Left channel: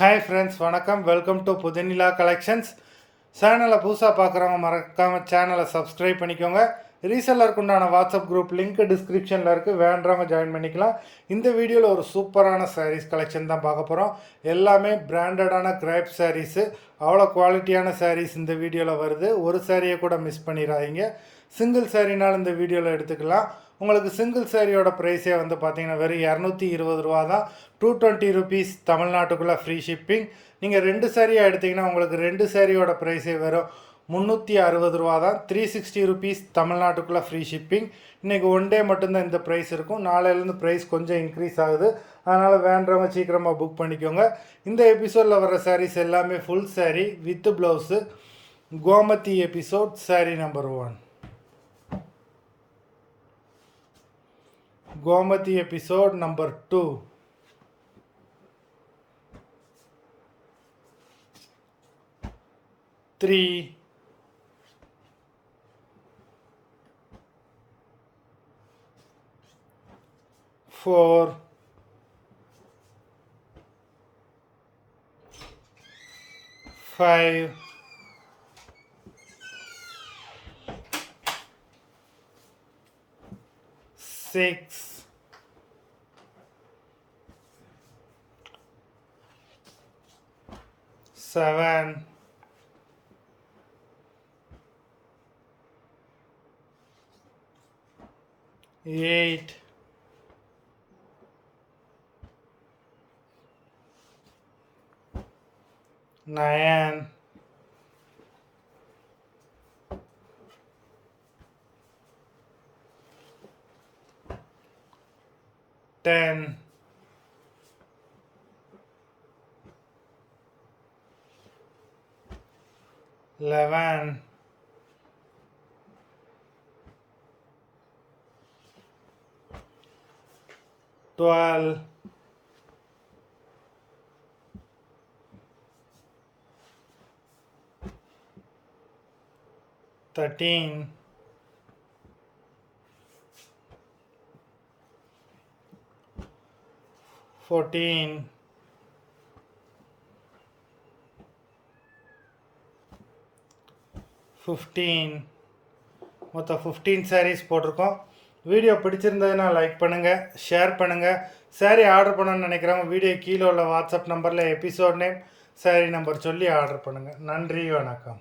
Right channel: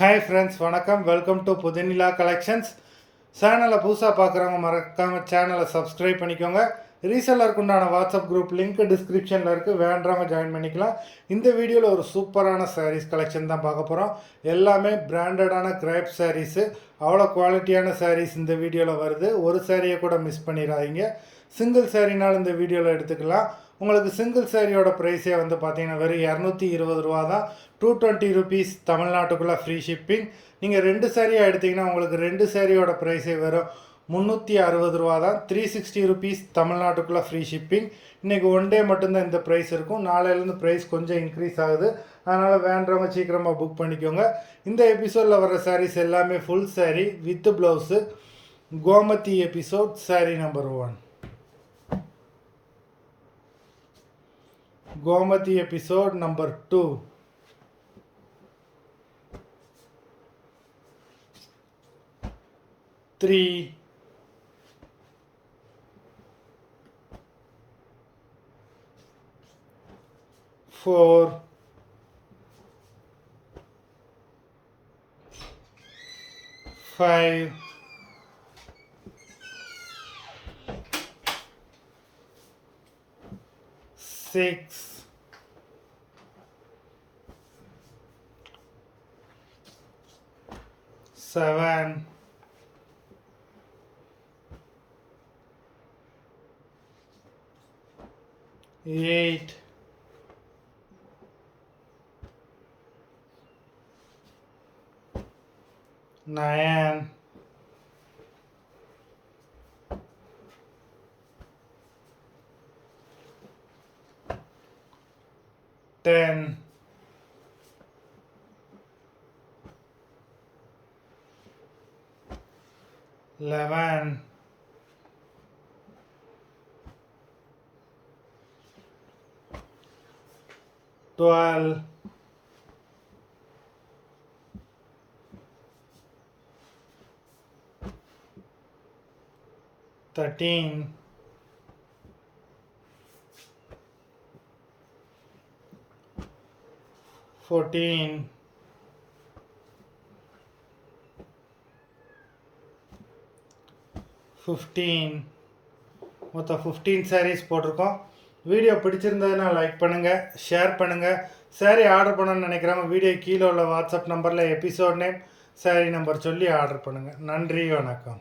Hi friends, வணக்கம். Welcome to Pudhunila collections. சேனலை புதுசாக பார்க்குறவங்க மறக்காமல் சேனலை சப்ஸ்கிரைப் பண்ணிக்கோங்க. ரீசெல்லருக்கு உண்டான வாட்ஸ்அப் குரூப் லிங்க் டிஸ்கிரிப்ஷனில் இருக்குது, வேண்டவங்க ஜாயின் பண்ணிக்கலாம். இந்த வீடியோவில் ஒரு சூப்பரான சாரீஸ் கலெக்ஷன் தான் பார்க்க போகிறோம். எல்லாமே பிராண்டடான கிரேப் சாரீஸு, அவ்வளோ குவாலிட்டியான சாரீஸ் இந்த வீடியோவில் வருது. ஒரு சாரியை கூட மிஸ் பண்ணிடாதீங்க. சிங்கிள் சாரினாலும் இந்த வீடியோவில் எடுத்துக்கலாம். உங்களுக்கு சிங்கிள் சாரியோட ப்ரைஸே வந்து பார்த்தீங்கன்னா வெறும் 220 ரூபா தான். 220 ருபீஸ் தமிழ்நாட்டுக்குள்ளே ஃப்ரீ ஷிப்பிங். நீங்கள் 2 சாரியாக எடுத்திங்கன்னா உங்களுக்கு 2 சாரியோட ப்ரைஸே வெறும் 360 ரூபா தான். 360 ருபீஸ் தமிழ்நாட்டுக்குள்ளே ஃப்ரீ ஷிப்பிங். இன்றைக்கி ஒன் டே மட்டும்தான் இந்த ப்ரைஸ் இருக்கும். நாளையிலேருந்து ப்ரைஸ் கொஞ்சம் இன்க்ரீஸ் ஆகுது. அதனால் வேண்டவங்க சீக்கிரமாக புக் பண்ணிக்கோங்க. இந்த எபிசோடில் வர சாரீஸ் எல்லாமே full sari with blouse. Gomathi episode sari number 1. Gomathi episode number 2. 3, 4, 5, 6, 7, 8, 9, 10, 11, 12, 13, 14, 15. மொத்தம் 15 சாரீஸ் போட்டிருக்கோம். வீடியோ பிடிச்சிருந்ததுன்னா லைக் பண்ணுங்கள், ஷேர் பண்ணுங்கள். சாரீ ஆர்டர் பண்ணணும்னு நினைக்கிறவங்க வீடியோ கீழே உள்ள வாட்ஸ்அப் நம்பரில் எபிசோட் நேம், சாரீ நம்பர் சொல்லி ஆர்டர் பண்ணுங்கள். நன்றி, வணக்கம்.